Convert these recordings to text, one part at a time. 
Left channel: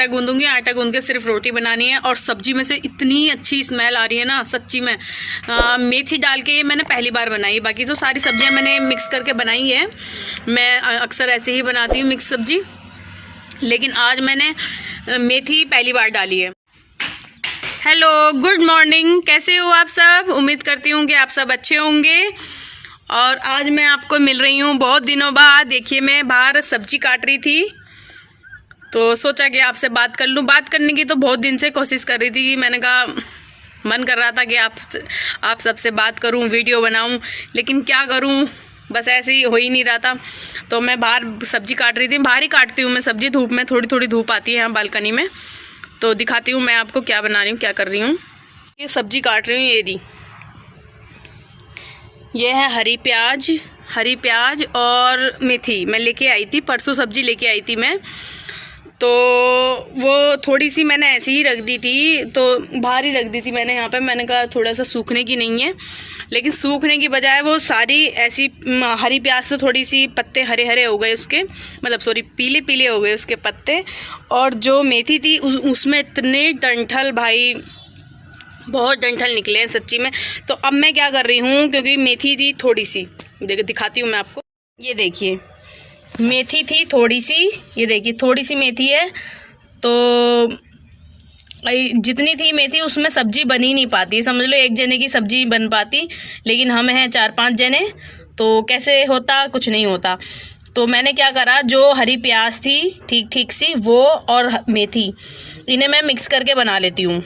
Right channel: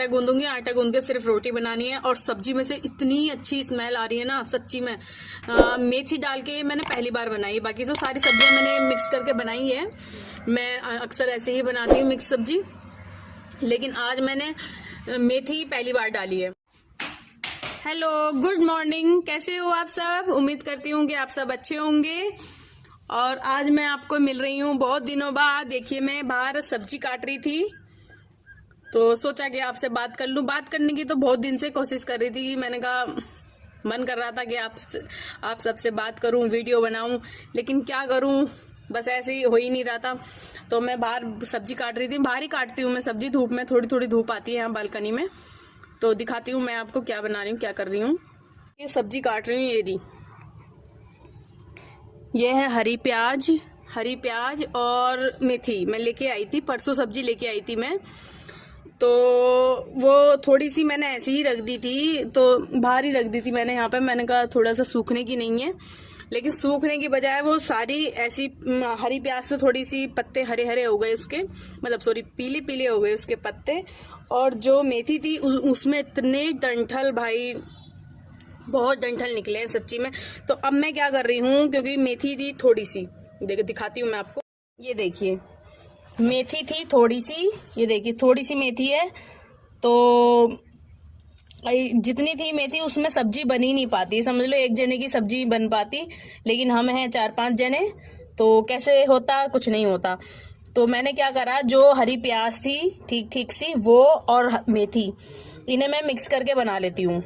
आटा गूंदूंगी, आटा गूंद के सिर्फ रोटी बनानी है। और सब्जी में से इतनी अच्छी स्मेल आ रही है ना सच्ची में। मेथी डाल के ये मैंने पहली बार बनाई है, बाकी तो सारी सब्जियां मैंने मिक्स करके बनाई है। मैं अक्सर ऐसे ही बनाती हूँ मिक्स सब्जी, लेकिन आज मैंने मेथी पहली बार डाली है। हेलो, गुड मॉर्निंग, कैसे हो आप सब? उम्मीद करती हूँ कि आप सब अच्छे होंगे। और आज मैं आपको मिल रही हूँ बहुत दिनों बाद। देखिए, मैं बाहर सब्जी काट रही थी तो सोचा कि आपसे बात कर लूँ। बात करने की तो बहुत दिन से कोशिश कर रही थी कि मैंने कहा मन कर रहा था कि आप सबसे बात करूँ, वीडियो बनाऊँ, लेकिन क्या करूँ, बस ऐसे ही हो ही नहीं रहा था। तो मैं बाहर सब्जी काट रही थी। बाहर ही काटती हूँ मैं सब्जी, धूप में थोड़ी थोड़ी धूप आती है यहाँ बालकनी में। तो दिखाती हूँ मैं आपको क्या बना रही हूँ, क्या कर रही हूँ। ये सब्जी काट रही हूँ, ये है हरी प्याज और मेथी। मैं लेके आई थी परसों, सब्जी लेके आई थी मैं, तो वो थोड़ी सी मैंने ऐसी ही रख दी थी, तो बाहर ही रख दी थी मैंने यहाँ पे। मैंने कहा थोड़ा सा सूखने की नहीं है, लेकिन सूखने की बजाय वो सारी ऐसी हरी प्याज तो थोड़ी सी पत्ते हरे हरे हो गए उसके, मतलब सॉरी पीले पीले हो गए उसके पत्ते। और जो मेथी थी उसमें इतने डंठल, भाई बहुत डंठल निकले हैं सच्ची में। तो अब मैं क्या कर रही हूँ, क्योंकि मेथी थी थोड़ी सी, दिखाती हूँ मैं आपको। ये देखिए, मेथी थी थोड़ी सी, ये देखिए थोड़ी सी मेथी है। तो जितनी थी मेथी उसमें सब्जी बन ही नहीं पाती, समझ लो एक जने की सब्जी बन पाती, लेकिन हम हैं 4-5 जने, तो कैसे होता, कुछ नहीं होता। तो मैंने क्या करा, जो हरी प्याज थी ठीक ठीक सी वो और मेथी, इन्हें मैं मिक्स करके बना लेती हूँ,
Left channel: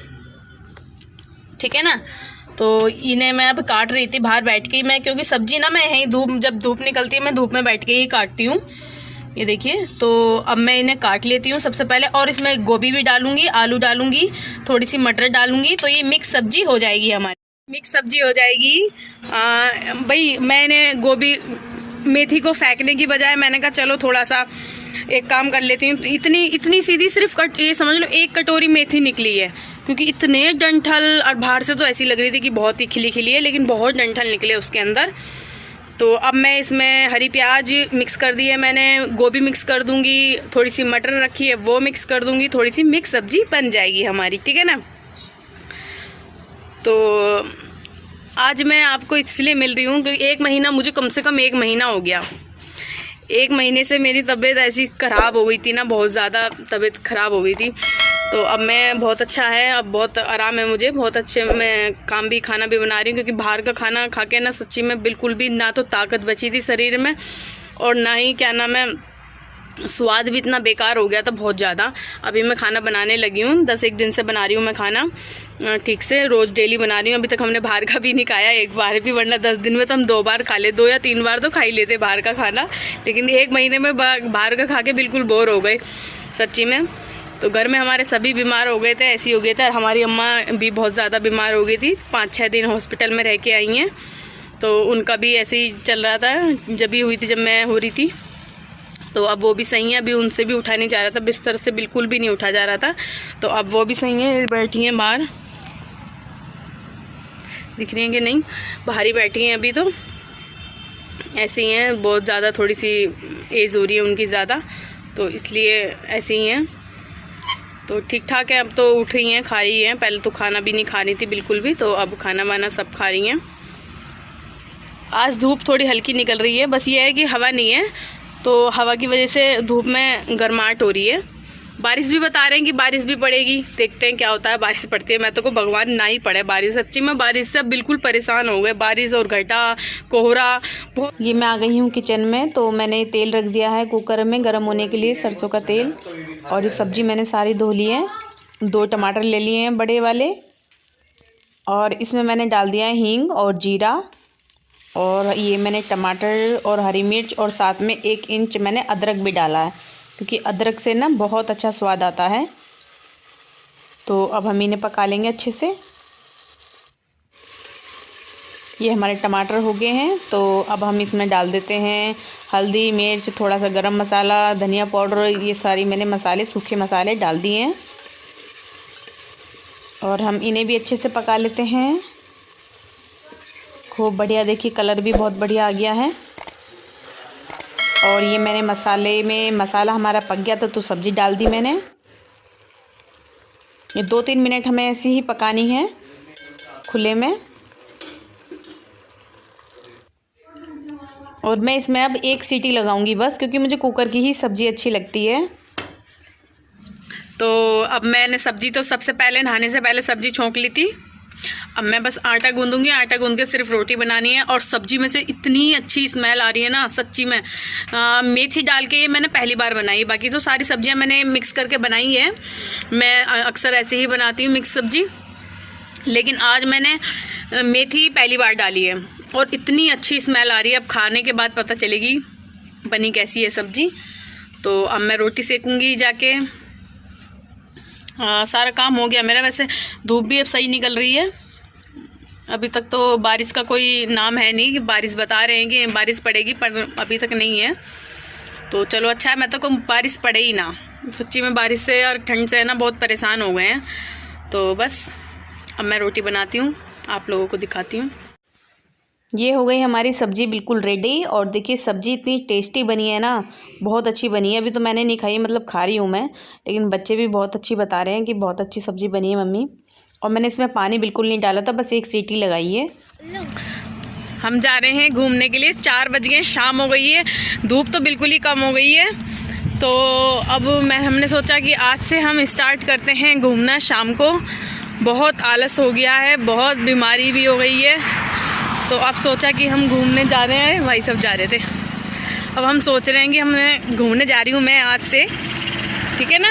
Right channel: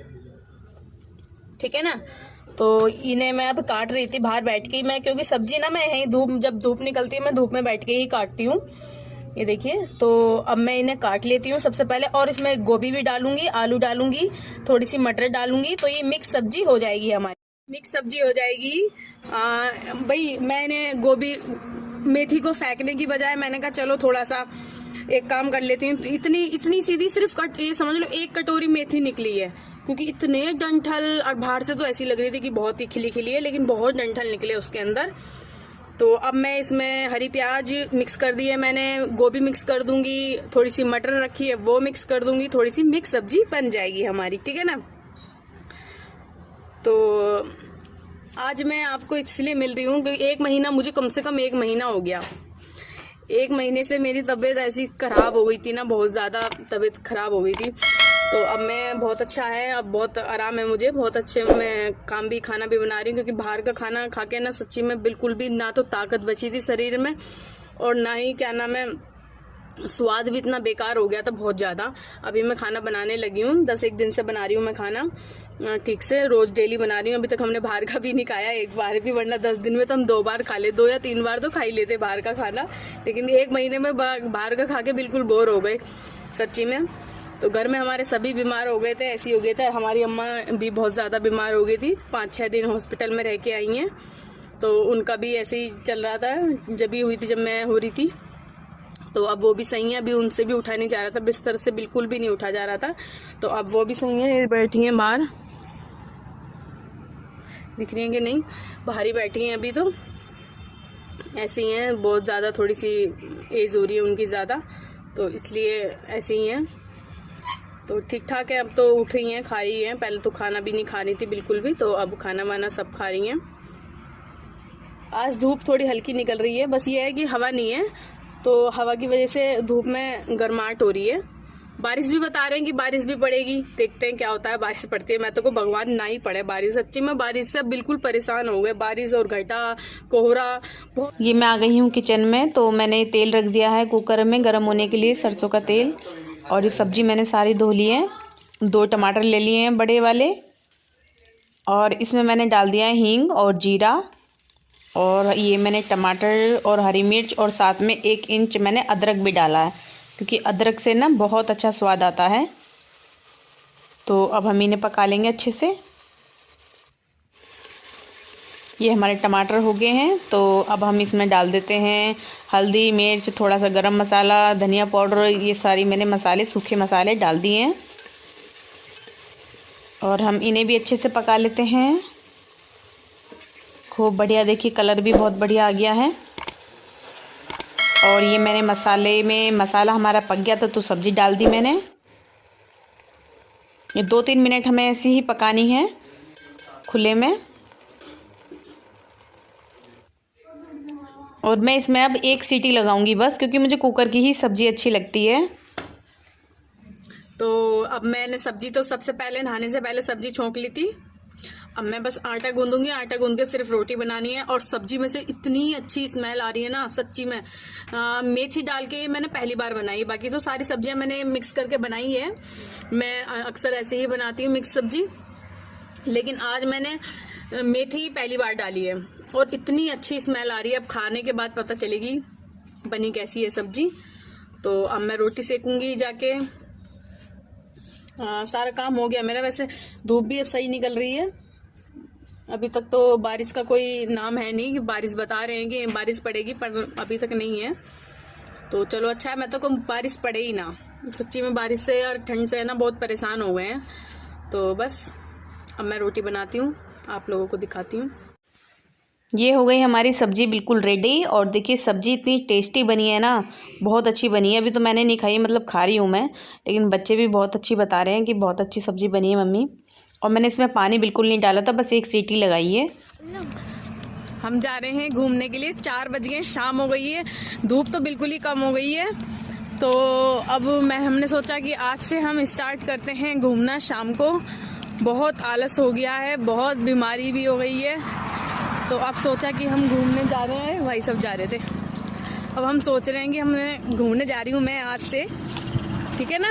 ठीक है ना। तो इन्हें मैं अब काट रही थी बाहर बैठ के मैं, क्योंकि सब्जी ना मैं यहीं जब धूप निकलती है मैं धूप में बैठ के ही काटती हूँ। ये देखिए, तो अब मैं इन्हें काट लेती हूँ सबसे पहले, और इसमें गोभी भी डालूंगी, आलू डालूंगी, थोड़ी सी मटर डालूंगी, तो ये मिक्स सब्जी हो जाएगी हमारी, मिक्स सब्जी हो जाएगी। भाई मैंने गोभी मेथी को फेंकने की बजाय मैंने कहा चलो थोड़ा सा एक काम कर लेती हूँ। इतनी सीधी सिर्फ ये समझ लो 1 कटोरी मेथी निकली है, क्योंकि इतने डंठल, और बाहर से तो ऐसी लग रही थी कि बहुत ही खिली खिली है, लेकिन बहुत डंठल निकले उसके अंदर। तो अब मैं इसमें हरी प्याज मिक्स कर दी है मैंने, गोभी मिक्स कर दूंगी, थोड़ी सी मटर रखी है वो मिक्स कर दूंगी, थोड़ी सी मिक्स सब्जी बन जाएगी हमारी, ठीक है ना। तो आज मैं आपको इसलिए मिल रही हूँ क्योंकि 1 महीना, मुझे कम से कम 1 महीना हो गया। 1 महीने से मेरी तबीयत ऐसी ख़राब हो गई थी ना, बहुत ज़्यादा तबीयत ख़राब हो गई थी। तो अब मैं बहुत अच्छा है, अब बहुत आराम है मुझे, बहुत अच्छे मैं काम भी खाना भी बना रही हूँ, क्योंकि बाहर का खाना खा के ना सच्ची में बिल्कुल भी ना तो ताकत बची थी शरीर में, और ना ही क्या नाम है, स्वाद भी इतना बेकार हो गया था बहुत ज़्यादा। अभी मैं खाना बनाने लगी हूँ, 10-1 दिन से बना रही हूँ मैं खाना ठीक से, रोज़ डेली बना रही हूँ। अभी तक हमने बाहर का भी नहीं खाया एक बार भी, वरना 10 दिन में तो हम 2 बार खा ले, 2 या 3 बार तो खा ही लेते बाहर का खाना, लेकिन 1 महीने में बाहर का खा के बिल्कुल बोर हो गए सच्ची में। तो घर में हमारे सभी बीमार हो गए थे, ऐसी हो गए थे, और हमारी अम्मा भी बहुत ज़्यादा बीमार हो गई थी, 5-6 दिन हॉस्पिटल में रह के आई हैं। तो उनका भी ऐसे ही चल रहा था, जब भी हुई थी, जब मैं हो रही थी, तो अब वो भी सही है। अभी उनसे भी उठा नहीं जा रहा था, बिस्तर से बिल्कुल भी नहीं उठा जा रहा था, तो अब वो भी सही है, बैठी हैं बाहर, दिख रही हैं कि नहीं, बाहर ही बैठी हैं अभी। तो ऐसे ही हैं, बहुत ज़्यादा थोड़ी सी एज हो रही है उनकी ज़्यादा, तो इसलिए ऐसे ही हैं। तो ठीक ठाक है, अब तो उठ रही हैं, खा रही हैं, पहले तो खाना भी नहीं खा रही थी बिल्कुल भी, तो अब खाना वाना सब खा रही हैं। आज धूप थोड़ी हल्की निकल रही है, बस ये है कि हवा नहीं है, तो हवा की वजह से धूप में गर्माहट हो रही है। बारिश भी बता रहे हैं कि बारिश भी पड़ेगी, देखते हैं क्या होता है, बारिश पड़ती है। मैं तो को भगवान ना ही पड़े बारिश, सच्ची में बारिश से बिल्कुल परेशान हो गए, बारिश और घटा कोहरा। ये मैं आ गई हूँ किचन में, तो मैंने तेल रख दिया है कुकर में गर्म होने के लिए, सरसों का तेल। और ये सब्ज़ी मैंने सारी धो ली है, 2 टमाटर ले लिए हैं बड़े वाले, और इसमें मैंने डाल दिया है हींग और जीरा, और ये मैंने टमाटर और हरी मिर्च, और साथ में 1 इंच मैंने अदरक भी डाला है, क्योंकि अदरक से ना बहुत अच्छा स्वाद आता है। तो अब हम इन्हें पका लेंगे अच्छे से। ये हमारे टमाटर हो गए हैं, तो अब हम इसमें डाल देते हैं हल्दी, मिर्च, थोड़ा सा गरम मसाला, धनिया पाउडर, ये सारी मैंने मसाले, सूखे मसाले डाल दिए हैं, और हम इन्हें भी अच्छे से पका लेते हैं। खूब बढ़िया, देखिए कलर भी बहुत बढ़िया आ गया है। और ये मैंने मसाला हमारा पक गया था, तो सब्ज़ी डाल दी मैंने। ये 2-3 मिनट हमें ऐसे ही पकानी है खुले में। और मैं इसमें अब 1 सीटी लगाऊंगी बस, क्योंकि मुझे कुकर की ही सब्ज़ी अच्छी लगती है। तो अब मैंने सब्ज़ी तो सबसे पहले नहाने से पहले सब्ज़ी छोंक ली थी। अब मैं बस आटा गूंदूंगी, आटा गूंद के सिर्फ रोटी बनानी है। और सब्ज़ी में से इतनी अच्छी स्मेल आ रही है ना सच्ची में। मेथी डाल के ये मैंने पहली बार बनाई, बाकी तो सारी सब्जियां मैंने मिक्स करके बनाई है। मैं अक्सर ऐसे ही बनाती हूँ मिक्स सब्ज़ी, लेकिन आज मैंने मेथी पहली बार डाली है और इतनी अच्छी स्मेल आ रही है। अब खाने के बाद पता चलेगी बनी कैसी है सब्ज़ी। तो अब मैं रोटी सेकूँगी जाके। सारा काम हो गया मेरा। वैसे धूप भी अब सही निकल रही है। अभी तक तो बारिश का कोई नाम है नहीं, कि बारिश बता रहे हैं कि बारिश पड़ेगी, पर अभी तक नहीं है। तो चलो अच्छा है, मैं तो कहूँ बारिश पड़े ही ना। सच्ची में बारिश से और ठंड से ना बहुत परेशान हो गए हैं। तो बस अब मैं रोटी बनाती हूँ, आप लोगों को दिखाती हूँ। ये हो गई हमारी सब्ज़ी बिल्कुल रेडी। और देखिए सब्ज़ी इतनी टेस्टी बनी है ना, बहुत अच्छी बनी है। अभी तो मैंने नहीं खाई, मतलब खा रही हूँ मैं, लेकिन बच्चे भी बहुत अच्छी बता रहे हैं कि बहुत अच्छी सब्ज़ी बनी है मम्मी। और मैंने इसमें पानी बिल्कुल नहीं डाला था, बस 1 सीटी लगाई है। हम जा रहे हैं घूमने के लिए। 4 बज गए, शाम हो गई है, धूप तो बिल्कुल ही कम हो गई है। तो अब हमने सोचा कि आज से हम स्टार्ट करते हैं घूमना शाम को। बहुत आलस हो गया है, बहुत बीमारी भी हो गई है। तो अब सोचा कि हम घूमने जा रहे हैं। भाई सब जा रहे थे, अब हम सोच रहे हैं कि हमने घूमने जा रही हूँ मैं आज से, ठीक है ना।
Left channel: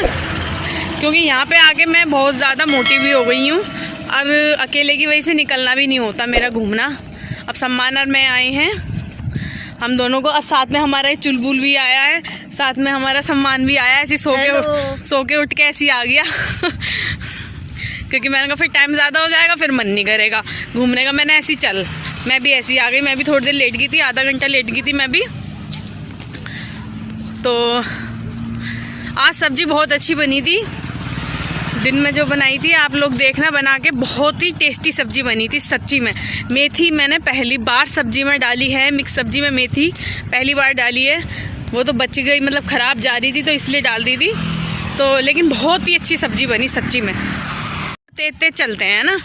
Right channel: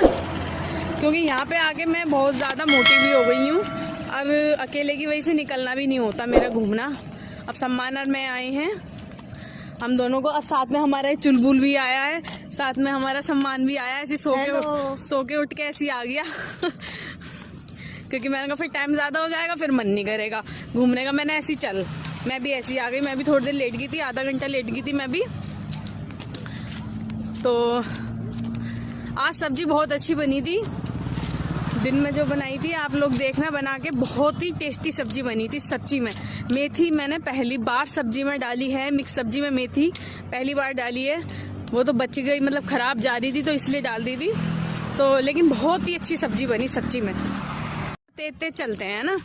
क्योंकि यहाँ पे आके मैं बहुत ज़्यादा मोटी भी हो गई हूँ और अकेले की वजह से निकलना भी नहीं होता मेरा घूमना। अब सम्मान और मैं आए हैं हम दोनों को, और साथ में हमारा चुलबुल भी आया है, साथ में हमारा सम्मान भी आया है। ऐसे सो के उठ के ऐसे ही आ गया क्योंकि मैंने कहा फिर टाइम ज़्यादा हो जाएगा, फिर मन नहीं करेगा घूमने का। मैंने ऐसी चल, मैं भी ऐसी आ गई। मैं भी थोड़ी देर लेट गई थी, आधा घंटा लेट गई थी मैं भी। तो आज सब्ज़ी बहुत अच्छी बनी थी, दिन में जो बनाई थी आप लोग देखना बना के। बहुत ही टेस्टी सब्ज़ी बनी थी सच्ची में। मेथी मैंने पहली बार सब्ज़ी में डाली है, मिक्स सब्ज़ी में मेथी पहली बार डाली है। वो तो बच गई, मतलब ख़राब जा रही थी तो इसलिए डाल दी थी। तो लेकिन बहुत ही अच्छी सब्ज़ी बनी सच्ची में। तेज तेज चलते हैं ना,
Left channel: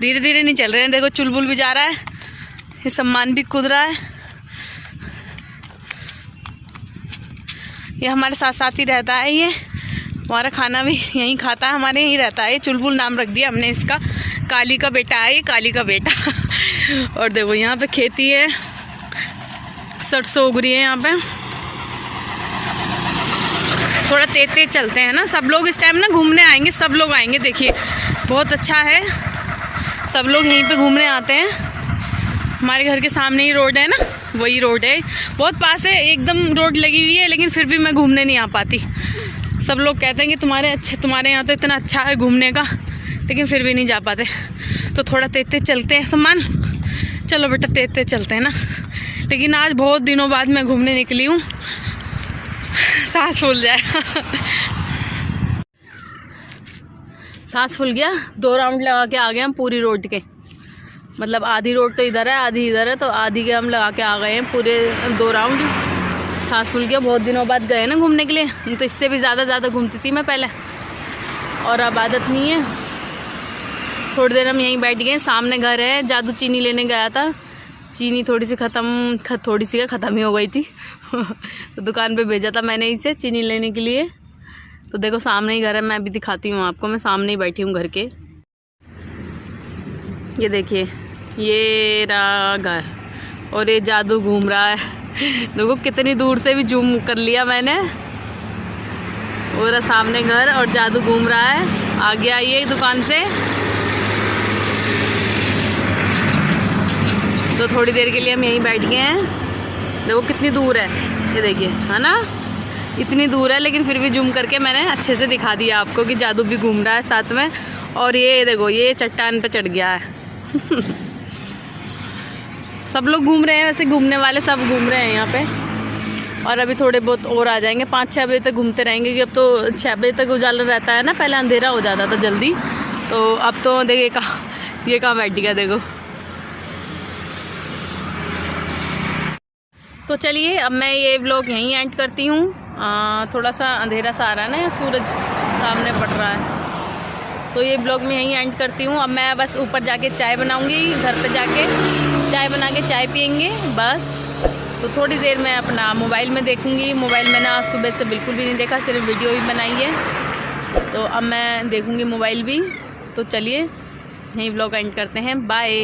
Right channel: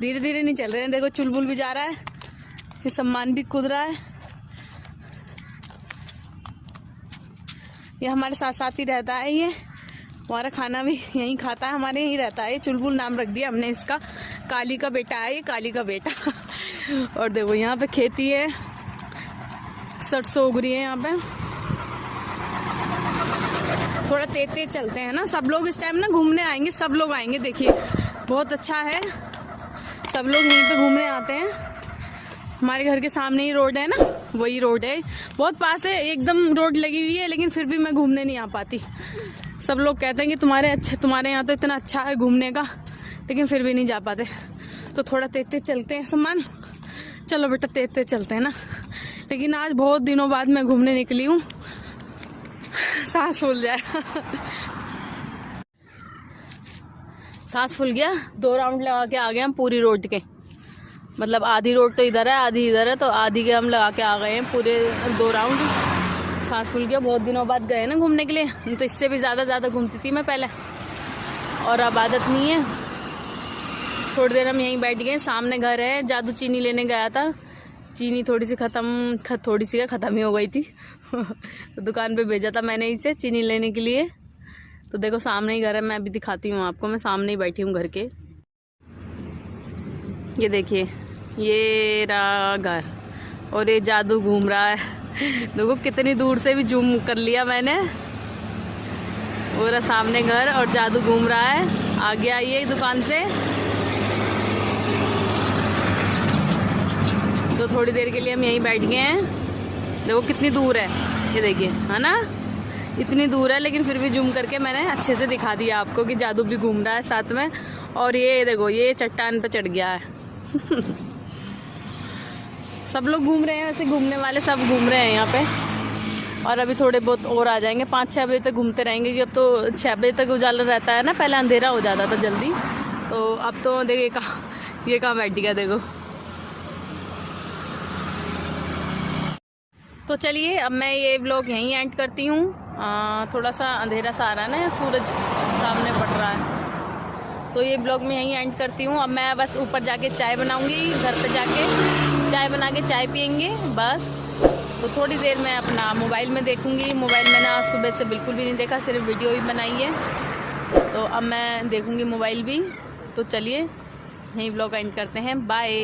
धीरे धीरे नहीं चल रहे हैं। देखो चुलबुल भी जा रहा है, ये सम्मान भी कूद रहा है। ये हमारे साथ साथ ही रहता है, ये हमारा खाना भी यहीं खाता है, हमारे यहीं रहता है। चुलबुल नाम रख दिया हमने इसका, काली का बेटा है ये, काली का बेटा। और देखो यहाँ पे खेती है, सरसों उग रही है यहाँ पे। थोड़ा तेज तेज चलते हैं ना। सब लोग इस टाइम ना घूमने आएंगे, सब लोग आएंगे। देखिए बहुत अच्छा है, सब लोग यहीं पे घूमने आते हैं। हमारे घर के सामने ही रोड है ना, वही रोड है, बहुत पास है, एकदम रोड लगी हुई है। लेकिन फिर भी मैं घूमने नहीं आ पाती। सब लोग कहते हैं कि तुम्हारे यहाँ तो इतना अच्छा है घूमने का, लेकिन फिर भी नहीं जा पाते। तो थोड़ा तेज तेज चलते हैं सम्मान, चलो बेटा तेज तेज चलते हैं ना। लेकिन आज बहुत दिनों बाद मैं घूमने निकली हूँ, सांस फूल जाए सांस फूल गया। 2 राउंड लगा के आ गए हम पूरी रोड के, मतलब आधी रोड तो इधर है आधी इधर है, तो आधी के हम लगा के आ गए हैं पूरे 2 राउंड। सांस फूल गया, बहुत दिनों बाद गए ना घूमने के लिए। नहीं तो इससे भी ज़्यादा घूमती थी मैं पहले, और अब आदत नहीं है। थोड़ी देर हम यहीं बैठ गए, सामने घर है। जादू चीनी लेने गया था, चीनी थोड़ी सी ख़त्म ही हो गई थी तो दुकान पे भेजा था मैंने इसे चीनी लेने के लिए। तो देखो सामने ही घर है, मैं अभी दिखाती हूँ आपको। मैं सामने ही बैठी हूँ घर के। ये देखिए ये रहा घर, और ये जादू घूम रहा है। देखो कितनी दूर से भी जूम कर लिया मैंने। और सामने घर और जादू घूम रहा है। आ गया ये दुकान से, तो थोड़ी देर के लिए हम यहीं बैठ गए हैं। देखो कितनी दूर है, ये देखिए है ना, इतनी दूर है, लेकिन फिर भी जूम करके मैंने अच्छे से दिखा दिया आपको कि जादू भी घूम रहा है साथ में। और ये देखो ये चट्टान पे चढ़ गया है सब लोग घूम रहे हैं, वैसे घूमने वाले सब घूम रहे हैं यहाँ पे। और अभी थोड़े बहुत और आ जाएंगे, 5-6 बजे तक घूमते रहेंगे, क्योंकि अब तो 6 बजे तक उजाला रहता है ना, पहले अंधेरा हो जाता था जल्दी। तो अब तो देखिए ये कहाँ बैठ गया देखो। तो चलिए अब मैं ये व्लॉग यहीं एंड करती हूँ। थोड़ा सा अंधेरा सा आ रहा है ना, सूरज सामने पड़ रहा है, तो ये ब्लॉग में यहीं एंड करती हूँ। अब मैं बस ऊपर जाके चाय बनाऊँगी, घर पे जाके चाय बना के चाय पियेंगे बस। तो थोड़ी देर मैं अपना मोबाइल में देखूँगी। मोबाइल में ना सुबह से बिल्कुल भी नहीं देखा, सिर्फ वीडियो ही बनाई है। तो अब मैं देखूँगी मोबाइल भी। तो चलिए यहीं ब्लॉग एंड करते हैं, बाय।